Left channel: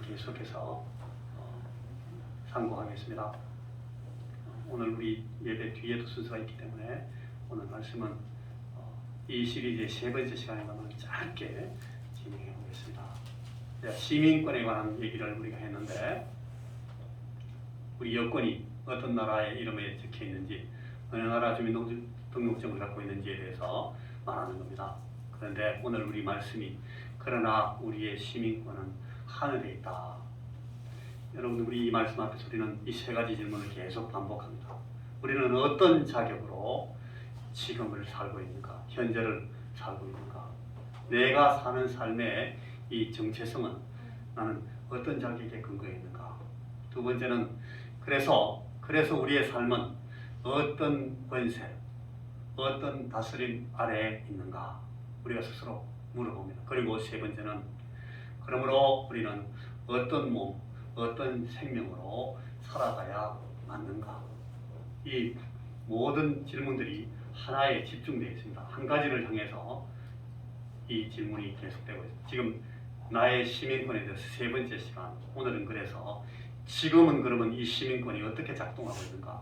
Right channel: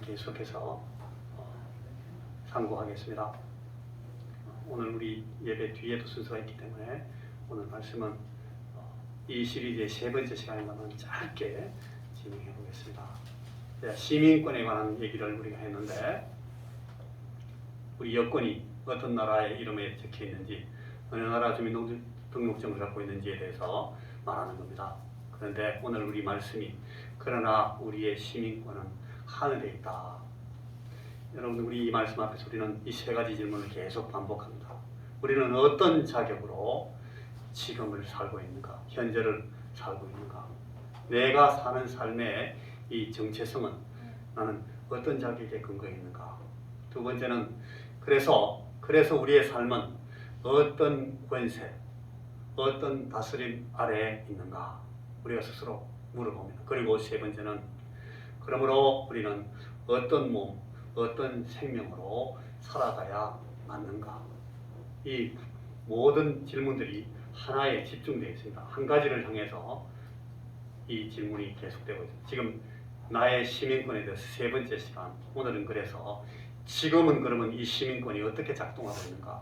계속해서 상고하겠습니다. 오늘 우리 예배 뒤에도 순서가 있기 때문에 오늘 말씀은 이 시리즈의 세 번째 시간에는 짧게 진행해 보겠습니다. 시민권에 관한 얘기를 우리가 했는데 우리 여권이 어떤 나라의 이름에 적혀 있는지 어느 나라 주민등록증을 갖고 있는지에 대해서 말하는 겁니다. 그런데 오늘 우리 말씀이 그러나 우리의 시민권은 하늘에 있다. 여러분, 우리 이 말씀 앞에서 우리는 이 세 가지 질문을 계속 반복합니다. 우리는 어떤 자격으로 지금을 살고 있는가? 현재를 살고 있는가? 내가 사는 삶의 이 정체성은 나는 어떤 자격에 근거해 있는가? 두 번째는 그래서 우리의 삶은 어떤 권세, 어떤 다스림 아래에 있는가? 우리가 스스로 물어봅니다. 그리고 세 번째는 그러므로 우리는 어떤 몸, 어떤 생명으로 살아가야 맞는가? 이 모든 질문들이 하나에 집중되어 있습니다. 한 가지를 향해서 이 질문이 계속되고 있습니다. 지금 나의 시민권에 대해서 세 번째 시간, 오늘은 그래서 지금은 그러면 이 시민권이 어떻게 작동하고 있는가?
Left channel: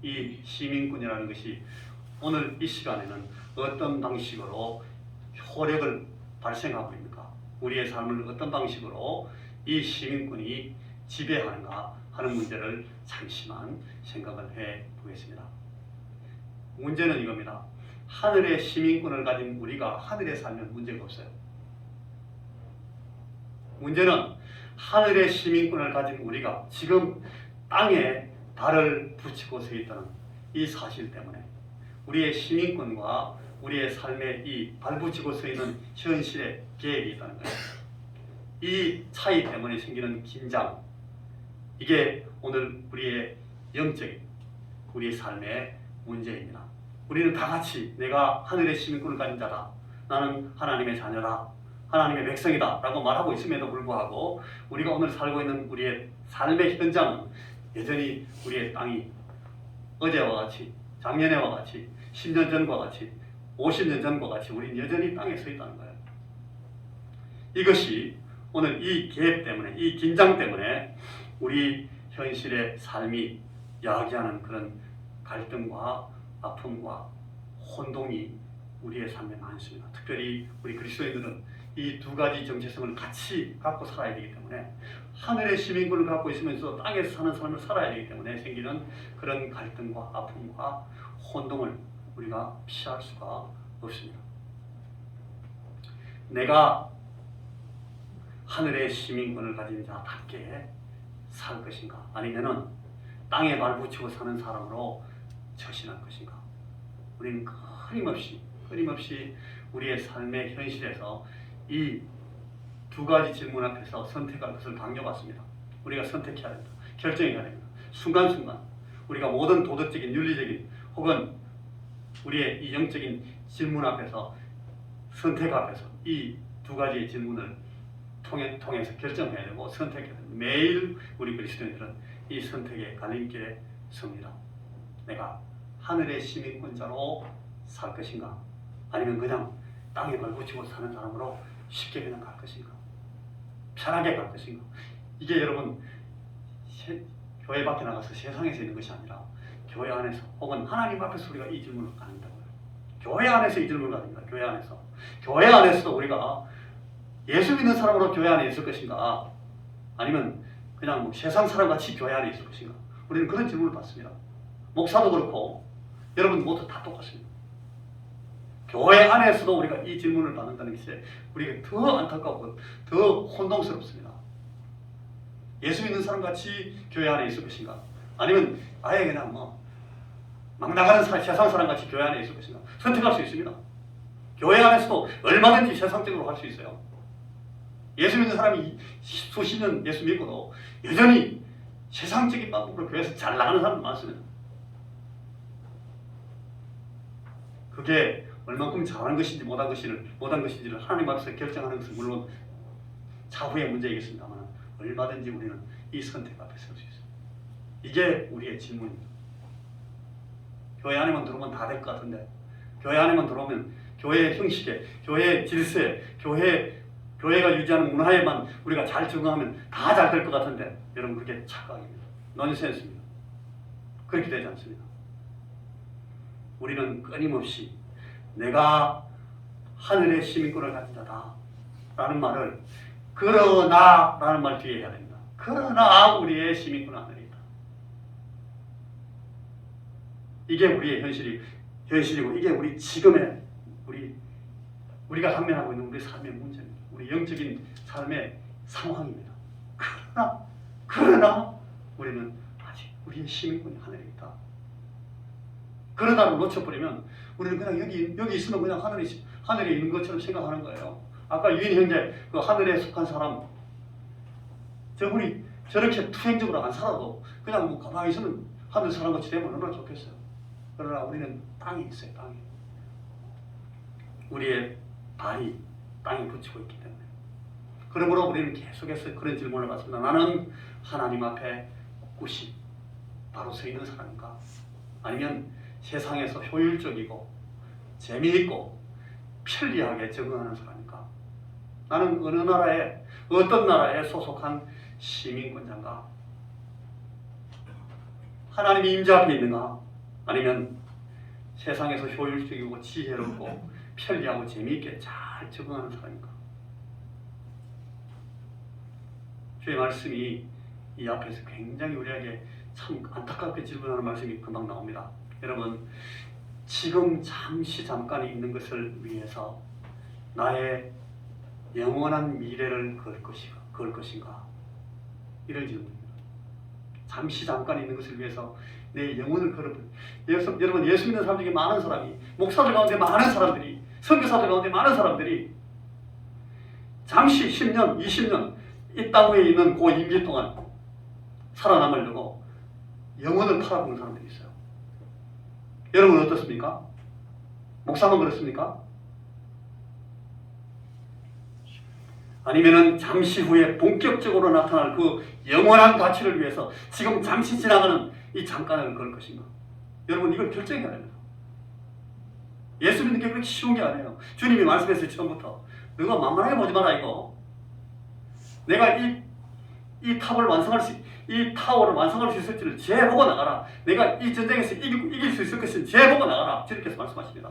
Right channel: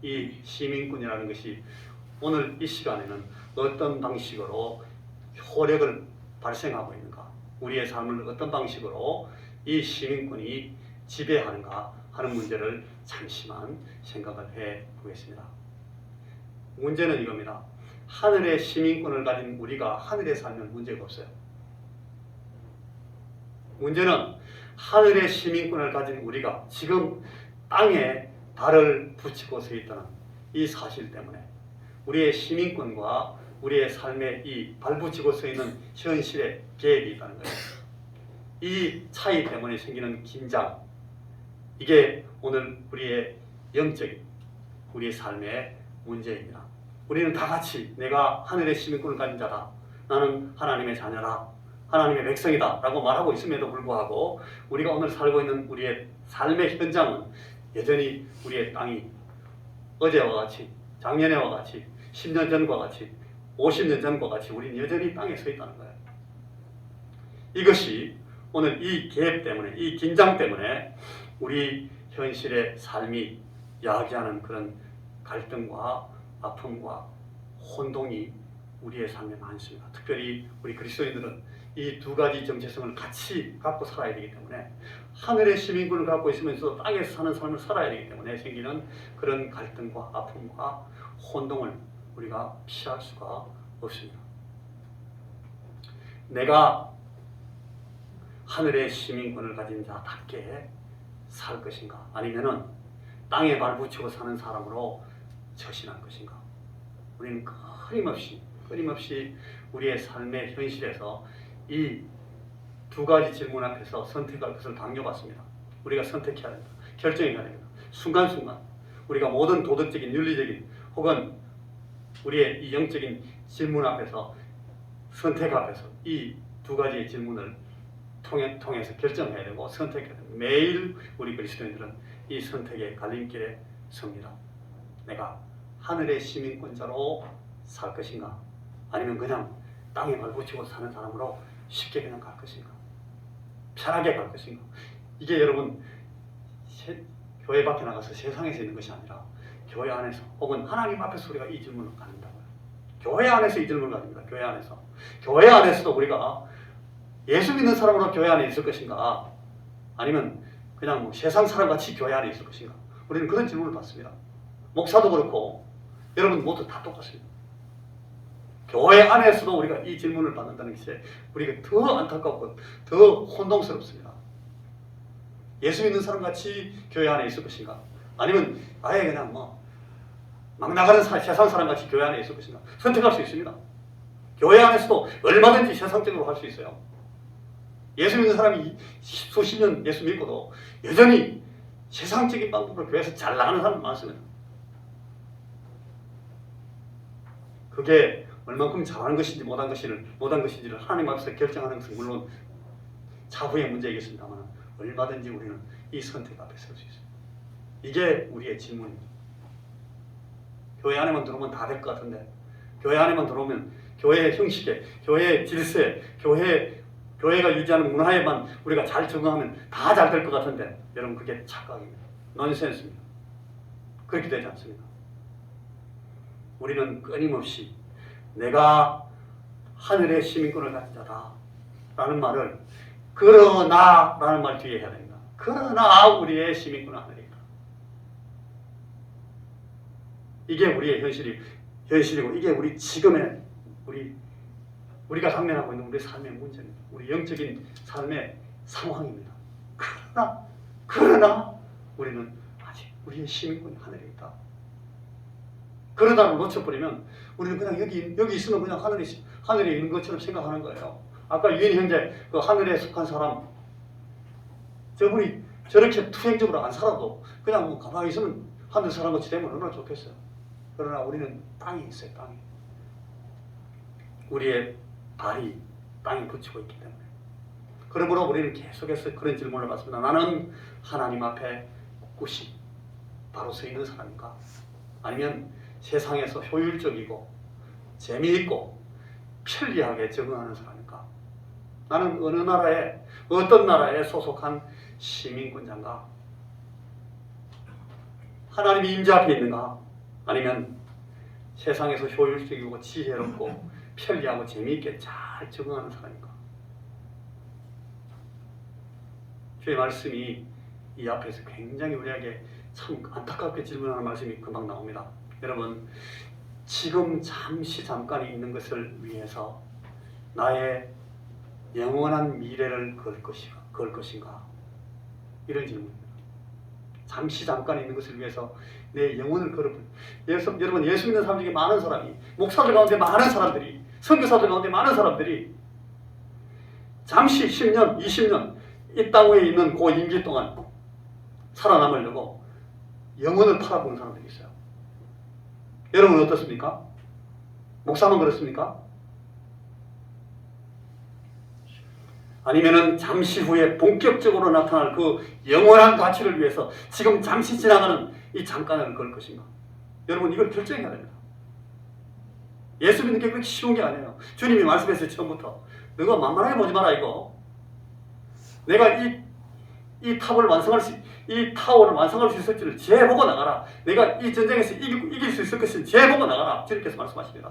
이 시민권이라는 것이 오늘 이 시간에는 어떤 방식으로 효력을 발생하고 있는가? 우리의 삶을 어떤 방식으로 이 시민권이 지배하는가 하는 문제를 잠시만 생각을 해 보겠습니다. 문제는 이겁니다. 하늘의 시민권을 가진 우리가 하늘에 살면 문제가 없어요. 문제는 하늘의 시민권을 가진 우리가 지금 땅에 발을 붙이고 서 있다는 이 사실 때문에 우리의 시민권과 우리의 삶에 이 발붙이고 서 있는 현실의 계획이 있다는 거예요. 이 차이 때문에 생기는 긴장, 이게 오늘 우리의 영적인 우리의 삶의 문제입니다. 우리는 다 같이 내가 하늘의 시민권을 가진 자다, 나는 하나님의 자녀다, 하나님의 백성이다 라고 말하고 있음에도 불구하고 우리가 오늘 살고 있는 우리의 삶의 현장은 여전히 우리의 땅이 어제와 같이, 작년에와 같이, 10년 전과 같이, 50년 전과 같이 우리는 여전히 땅에 서 있다는 거예요. 이것이 오늘 이 갭 때문에, 이 긴장 때문에 우리 현실의 삶이 야기하는 그런 갈등과 아픔과 혼동이 우리의 삶에 많습니다. 특별히 우리 그리스도인들은 이 두 가지 정체성을 같이 갖고 살아야 되기 때문에 하늘의 시민권을 갖고 있으면서 땅에서 사는 삶을 살아야 되기 때문에 생기는 그런 갈등과 아픔과 혼동을 우리가 피할 수가 없습니다. 내가 하늘의 시민권을 가진 자답게 살 것인가? 아니면은 땅에 발붙이고 사는 사람으로 처신할 것인가? 우리는 끊임없이 우리의 삶의 현실에서 이 두 가지 질문 앞에서 선택할 것을 강요받습니다. 우리가 선택해야 합니다. 결정해야 됩니다. 순간순간 우리가 모든 도덕적인, 윤리적인 혹은 우리의 이 영적인 질문 앞에서, 선택 앞에서 이 두 가지의 질문을 통해서 결정해야 되고 선택해야 됩니다. 매일 우리 그리스도인들은 이 선택의 갈림길에 섭니다. 내가 하늘의 시민권자로 살 것인가? 아니면 그냥 땅에 발붙이고 사는 사람으로 쉽게 그냥 갈 것인가? 편하게 갈 것인가? 이게 여러분 교회 밖에 나가서 세상에서 있는 것이 아니라 교회 안에서 혹은 하나님 앞에서 우리가 이 질문을 가진다고요. 교회 안에서 이 질문을 가집니다. 교회 안에서. 교회 안에서도 우리가 예수 믿는 사람으로 교회 안에 있을 것인가? 아니면 그냥 뭐 세상 사람같이 교회 안에 있을 것인가? 우리는 그런 질문을 받습니다. 목사도 그렇고 여러분 모두 다 똑같습니다. 교회 안에서도 우리가 이 질문을 받는다는 것이 우리가 더 안타깝고 더 혼동스럽습니다. 예수 믿는 사람같이 교회 안에 있을 것인가? 아니면 아예 그냥 막 나가는 세상 사람같이 교회 안에 있을 것인가? 선택할 수 있습니다. 교회 안에서도 얼마든지 세상적으로 할 수 있어요. 예수 믿는 사람이 수십 년 예수 믿고도 여전히 세상적인 방법으로 교회에서 잘 나가는 사람 많습니다. 그게 얼만큼 잘하는 것인지 못한 것인지를 하나님 앞에서 결정하는 것은 물론 차후의 문제이겠습니다만 얼마든지 우리는 이 선택 앞에 설 수 있습니다. 이게 우리의 질문입니다. 교회 안에만 들어오면 다 될 것 같은데 교회 안에만 들어오면 교회의 형식에, 교회의 질서에, 교회의 교회가 유지하는 문화에만 우리가 잘 적응하면 다 잘 될 것 같은데 여러분 그게 착각입니다. 넌센스입니다. 그렇게 되지 않습니다. 우리는 끊임없이 내가 하늘의 시민권을 가진 자다 라는 말을 그러나 라는 말 뒤에 해야 됩니다. 그러나 우리의 시민권은 하늘이다. 이게 우리의 현실이고 이게 우리 지금의 우리가 당면하고 있는 우리 삶의 문제입니다. 우리 영적인 삶의 상황입니다. 그러나 우리는 아직 우리의 시민권은 하늘에 있다. 그러다가 놓쳐버리면 우리는 그냥 여기 있으면 그냥 하늘에 있는 것처럼 생각하는 거예요. 아까 유인 형제 그 하늘에 속한 사람 저분이 저렇게 투행적으로 안 살아도 그냥 뭐 가만히 있으면 하늘 사람같이 되면 얼마나 좋겠어요. 그러나 우리는 땅에 있어요. 땅에. 우리의 발이 땅에 붙이고 있기 때문에. 그러므로 우리는 계속해서 그런 질문을 받습니다. 나는 하나님 앞에 꿋꿋이 바로 서 있는 사람인가? 아니면 세상에서 효율적이고 재미있고 편리하게 적응하는 사람인가? 나는 어느 나라에 어떤 나라에 소속한 시민권자인가? 하나님이 임재 앞에 있는가? 아니면 세상에서 효율적이고 지혜롭고 편리하고 재미있게 잘 적응하는 사람인가? 주의 말씀이 이 앞에서 굉장히 우리에게 참 안타깝게 질문하는 말씀이 금방 나옵니다. 여러분, 지금 잠깐 있는 것을 위해서 나의 영원한 미래를 걸 것인가? 이런 질문입니다. 잠깐 있는 것을 위해서 내 영혼을 여러분, 예수 믿는 사람 중에 많은 사람이, 목사들 가운데 많은 사람들이, 선교사들 가운데 많은 사람들이 잠시 10년, 20년 이 땅 위에 있는 그 임기 동안 살아남으려고 영혼을 팔아본 사람들이 있어요. 여러분 어떻습니까? 목사만 그렇습니까? 아니면은 잠시 후에 본격적으로 나타날 그 영원한 가치를 위해서 지금 잠시 지나가는 이 잠깐을 걸 것인가? 여러분 이걸 결정해야 됩니다. 예수 믿는 게 그렇게 쉬운 게 아니에요. 주님이 말씀했어요. 처음부터 너가 만만하게 보지 마라 이거. 내가 이 타워를 완성할 수 있을지를 재보고 나가라. 내가 이 전쟁에서 이길 수 있을 것을 재보고 나가라. 주님께서 말씀하십니다.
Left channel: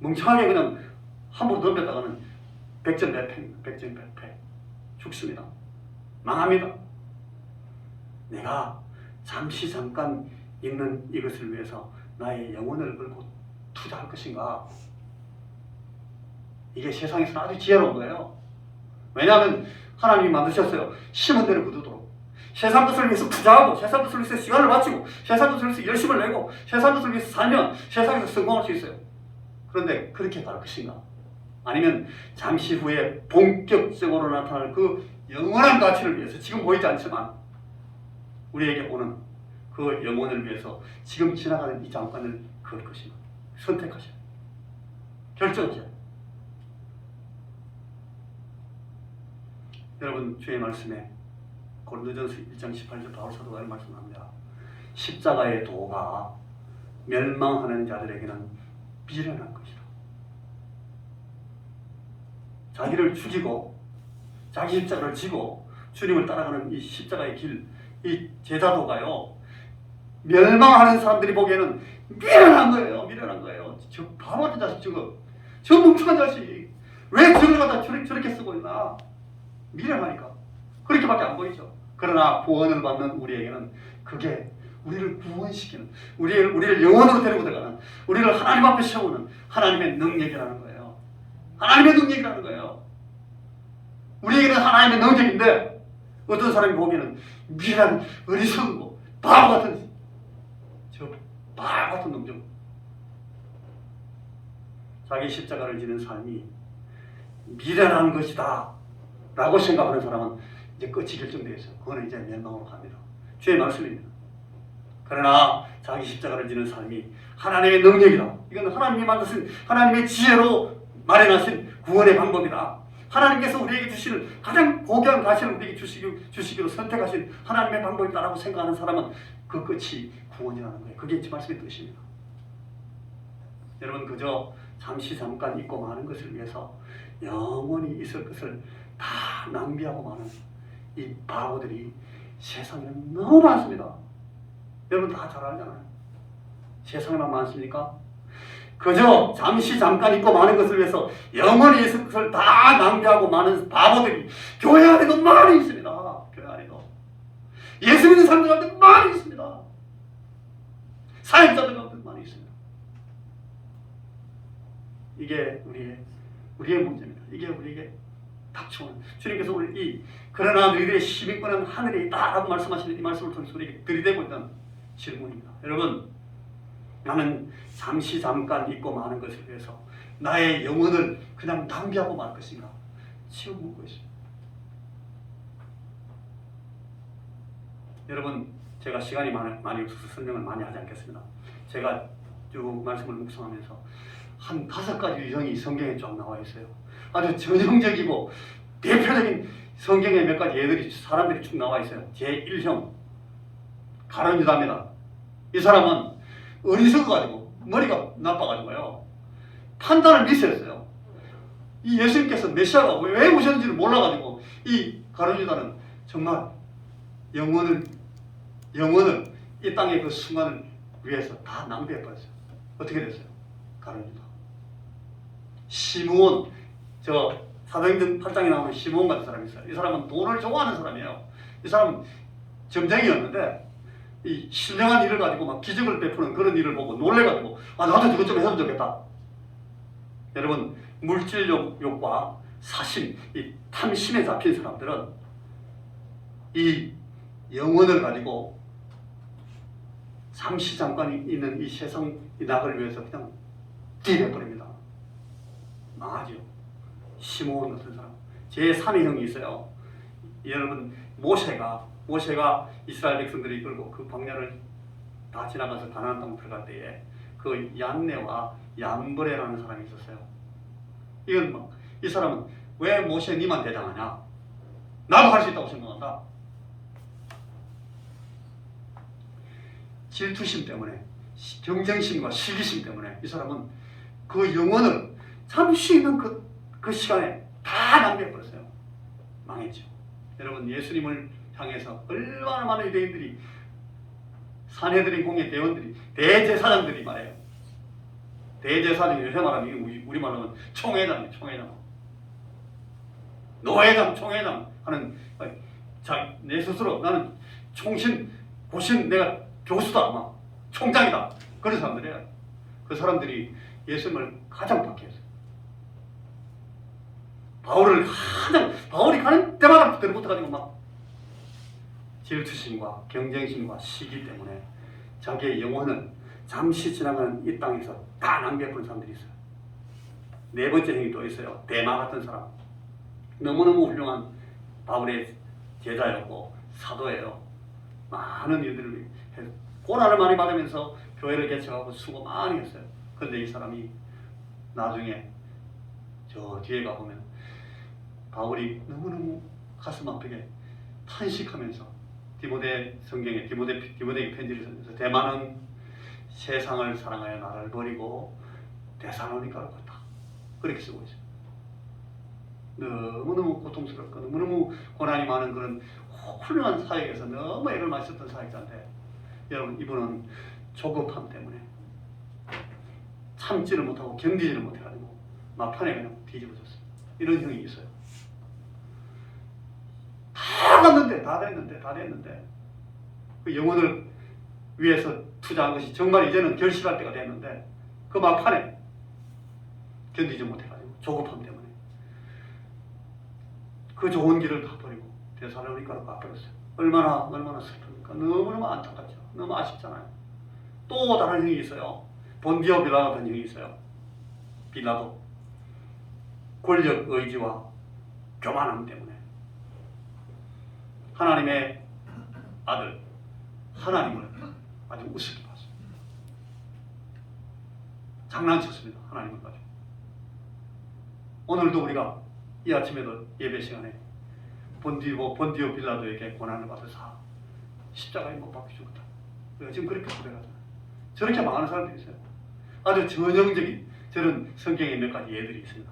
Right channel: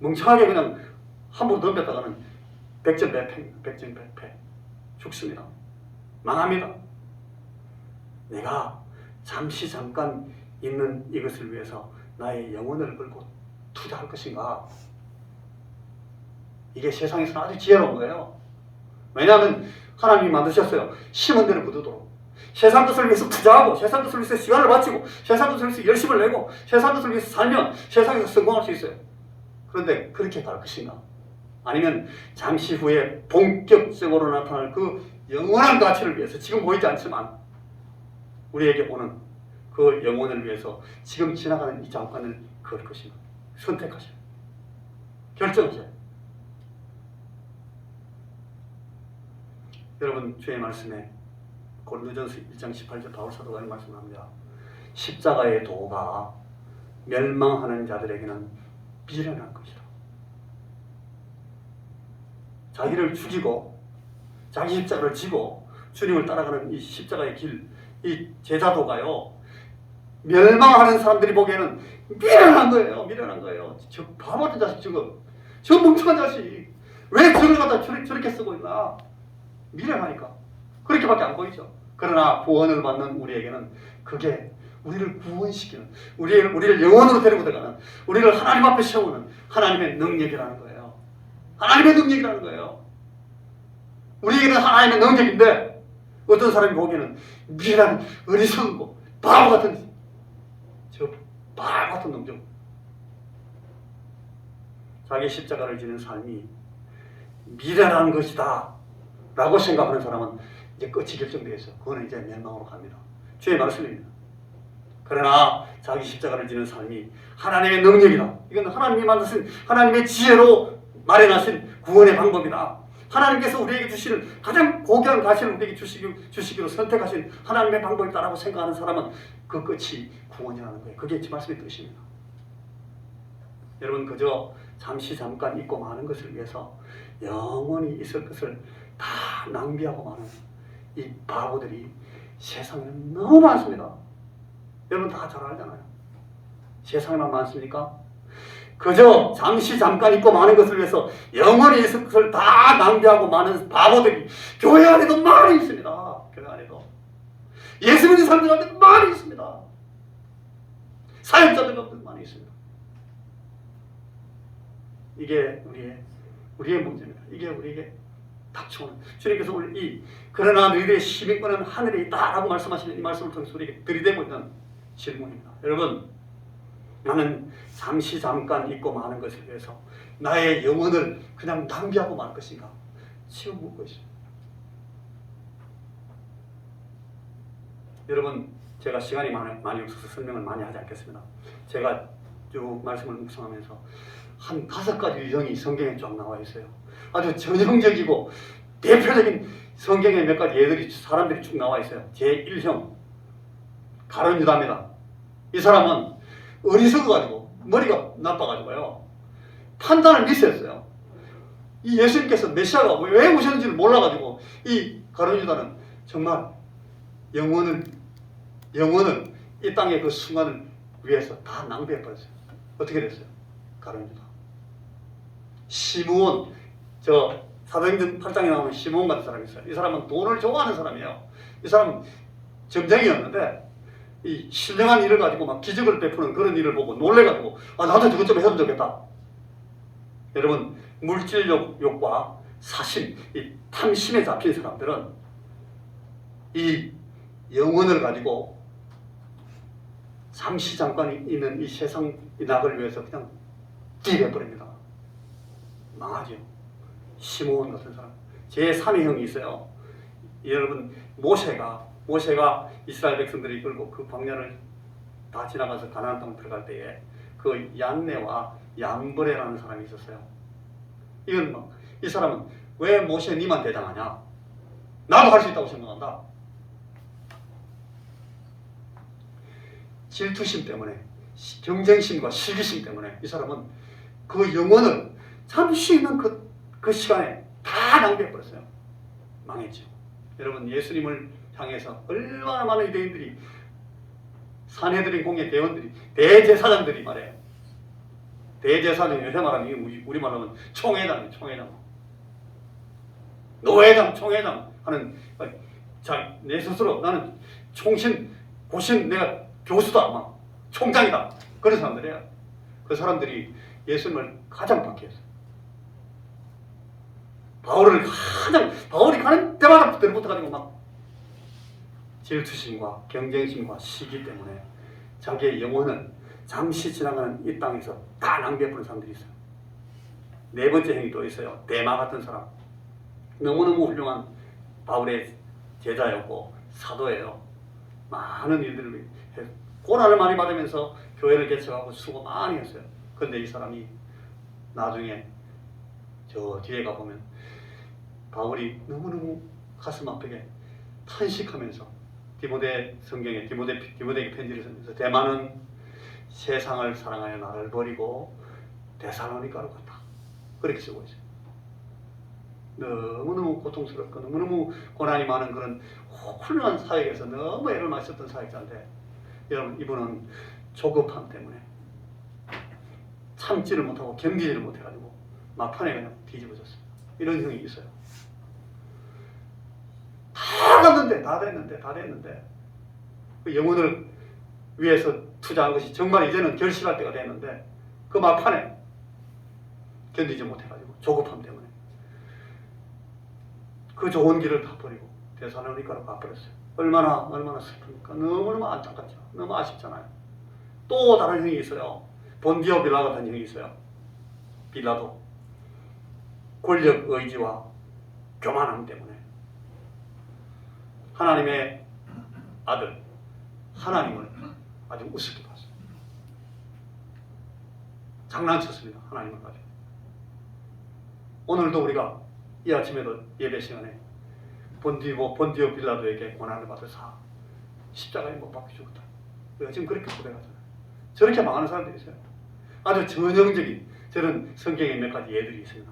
멍청하게 그냥 함부로 덤볐다가는 백전백패 죽습니다. 망합니다. 내가 잠깐 있는 이것을 위해서 나의 영혼을 걸고 투자할 것인가? 이게 세상에서 아주 지혜로운 거예요. 왜냐하면 하나님이 만드셨어요. 심은 대로 거두도록. 세상 것을 위해서 투자하고 세상 것을 위해서 시간을 바치고 세상 것을 위해서 열심을 내고 세상 것을 위해서 살면 세상에서 성공할 수 있어요. 그런데 그렇게 갈 것인가? 아니면 잠시 후에 본격적으로 나타날 그 영원한 가치를 위해서 지금 보이지 않지만 우리에게 오는 그 영혼을 위해서 지금 지나가는 이 잠깐을 걸 것입니다. 선택하세요. 결정하세요. 여러분 주의 말씀에 고린도전서 1장 18절 바울 사도가 말씀합니다. 십자가의 도가 멸망하는 자들에게는 미련한 것이다. 자기를 죽이고 자기 십자가를 지고 주님을 따라가는 이 십자가의 길, 이 제자도가요 멸망하는 사람들이 보기에는 미련한 거예요. 미련한 거예요. 저 바보 같은 자식 저 멍청한 자식 왜 길을 갖다 저렇게 쓰고 있나? 미련하니까 그렇게밖에 안 보이죠. 그러나 구원을 받는 우리에게는 그게 우리를 구원시키는 우리를 영원으로 데리고 들어가는 우리를 하나님 앞에 세우는 하나님의 능력이라는 거예요. 하나님의 능력이라는 거예요. 우리에게는 하나님의 능력인데 어떤 사람이 보기에는 미련한 어리석은 바보 같은 바보 같은 놈들 자기 십자가를 지는 삶이 미련한 것이다 라고 생각하는 사람은 이제 끝이 결정되어 있어요. 그거는 이제 멸망으로 갑니다. 주의 말씀입니다. 그러나 자기 십자가를 지는 삶이 하나님의 능력이다. 이건 하나님이 만드신 하나님의 지혜로 마련하신 구원의 방법이다. 하나님께서 우리에게 주시는 가장 고귀한 가치를 우리에게 주시기로 선택하신 하나님의 방법이다라고 생각하는 사람은 그 끝이 구원이라는 거예요. 그게 제 말씀의 뜻입니다. 여러분 그저 잠깐 잊고 마는 것을 위해서 영원히 있을 것을 다 낭비하고 마는 이 바보들이 세상에 너무 많습니다. 여러분 다 잘 알잖아요. 세상에만 많습니까? 그저 잠시 잠깐 있고 마는 것을 위해서 영원히 있을 것을 다 낭비하고 마는 바보들이 교회 안에도 많이 있습니다. 교회 안에도 예수 믿는 사람들한테 많이 있습니다. 사역자들한테 많이 있습니다. 이게 우리의 문제입니다. 이게 우리에게 닥쳐오는 주님께서 오늘 그러나 너희들의 힘이 있고는 하늘에 있다라고 말씀하시는 이 말씀을 통해서 우리에게 들이대고 있는 질문입니다. 여러분, 나는 잠시 잠깐 있고 마는 것에 대해서 나의 영혼을 그냥 낭비하고 말 것인가? 지금 묻고 있어요. 여러분, 제가 시간이 많이 없어서 설명을 많이 하지 않겠습니다. 제가 쭉 말씀을 묵상하면서 한 5가지 유형이 성경에 쫙 나와 있어요. 아주 전형적이고 대표적인 성경의 몇 가지 예들이 사람들이 쭉 나와 있어요. 제1형 가룟 유다입니다. 이 사람은 어리석어가지고 머리가 나빠가지고요 판단을 미스했어요. 이 예수님께서 메시아가 왜 오셨는지를 몰라가지고 이 가룟 유다는 정말 영혼을 이 땅의 그 순간을 위해서 다 낭비해버렸어요. 어떻게 됐어요? 가룟 유다. 시므온, 저 사도행전 8장에 나오는 시므온 같은 사람이 있어요. 이 사람은 돈을 좋아하는 사람이에요. 이 사람은 점쟁이였는데 이 신령한 일을 가지고 막 기적을 베푸는 그런 일을 보고 놀래가지고 나도 저것 좀 해보면 좋겠다. 여러분, 물질욕과 사심, 이 탐심에 잡힌 사람들은 이 영혼을 가지고 잠시 잠깐 있는 이 세상 이 낙을 위해서 그냥 뛰어버립니다. 망하죠. 시므온 같은 사람. 제3의 형이 있어요. 여러분, 모세가 이스라엘 백성들이 이끌고 그 광야를 다 지나가서 가나안 땅 들어갈 때에 그 양내와 양벌에라는 사람이 있었어요. 이 사람은 왜 모세 니만 대장하냐? 나도 할 수 있다고 생각한다. 질투심 때문에, 경쟁심과 시기심 때문에 이 사람은 그 영혼을 잠시 있는 그 시간에 다 낭비해버렸어요. 망했죠. 여러분, 예수님을 향해서 얼마나 많은 유대인들이, 사내들인 공예 대원들이, 대제사장들이 말해요. 대제사장이 요새 말하면 우리말로는 총회장, 노회장, 총회장 하는, 자, 내 스스로 나는 총신, 고신, 내가 교수다, 아마 총장이다, 그런 사람들이에요. 그 사람들이 예수님을 가장 박해했어요. 바울이 가는 데마다 들어붙어가지고 막 질투심과 경쟁심과 시기 때문에 자기의 영혼을 잠시 지나가는 이 땅에서 다 낭비해버린 사람들이 있어요. 네 번째 행위 또 있어요. 데마 같은 사람. 너무너무 훌륭한 바울의 제자였고 사도예요. 많은 일들을 해서 고난을 많이 받으면서 교회를 개척하고 수고 많이 했어요. 그런데 이 사람이 나중에 저 뒤에 가보면 바울이 너무너무 가슴 아프게 탄식하면서 성경에 디모데에게 편지를 쓰면서 대만은 세상을 사랑하여 나를 버리고 데살로니가로 갔다. 그렇게 쓰고 있어요. 너무너무 고통스럽고 너무너무 고난이 많은 그런 훌륭한 사역에서 너무 애를 많이 썼던 사역자인데, 여러분, 이분은 조급함 때문에 참지를 못하고 견디지를 못해가지고 막판에 그냥 뒤집어졌어요. 이런 형이 있어요. 다 갔는데, 다 됐는데 그 영혼을 위해서 투자한 것이 정말 이제는 결실할 때가 됐는데 그 막판에 견디지 못해가지고 조급함 때문에 그 좋은 길을 다 버리고 데살로니가로 가버렸어요. 얼마나 슬픕니까? 너무너무 안타깝죠. 너무 아쉽잖아요. 또 다른 형이 있어요. 본디오 빌라도 같은 형이 있어요. 빌라도 권력 의지와 교만함 때문에 하나님의 아들, 하나님을 아주 우습게 봤습니다. 장난쳤습니다. 하나님을 가지고. 오늘도 우리가 이 아침에도 예배 시간에 본디오 빌라도에게 고난을 받아서 십자가에 못 박혀 죽었다. 우리가 지금 그렇게 고백하잖아요. 저렇게 많은 사람들이 있어요. 아주 전형적인 저런 성경의 몇 가지 예들이 있습니다.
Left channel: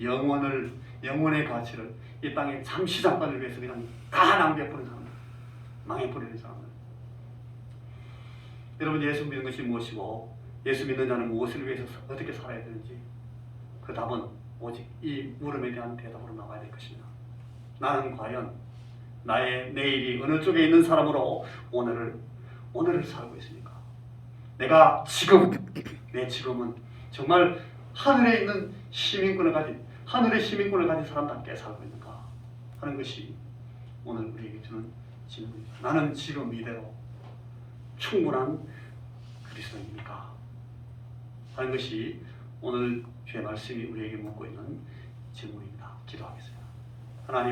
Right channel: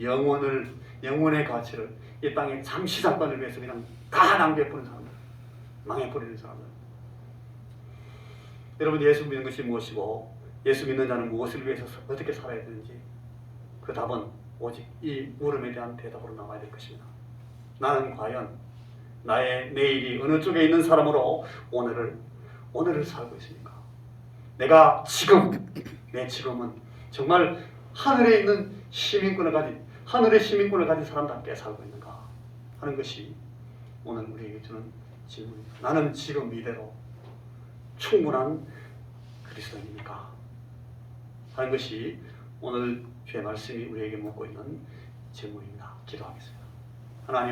영혼의 가치를 이 땅의 잠시 사건을 위해서 그냥 다 낭비해버리는 사람들, 망해버리는 사람들. 여러분, 예수 믿는 것이 무엇이고 예수 믿는 자는 무엇을 위해서 어떻게 살아야 되는지 그 답은 오직 이 물음에 대한 대답으로 나와야 될 것입니다. 나는 과연 나의 내일이 어느 쪽에 있는 사람으로 오늘을 살고 있습니까? 내가 내 지금은 정말 하늘에 있는 하늘의 시민권을 가진 사람답게 살고 있는가 하는 것이 오늘 우리에게 주는 질문입니다. 나는 지금 이대로 충분한 그리스도인입니까? 하는 것이 오늘 주의 말씀이 우리에게 묻고 있는 질문입니다. 기도하겠습니다. 하나님,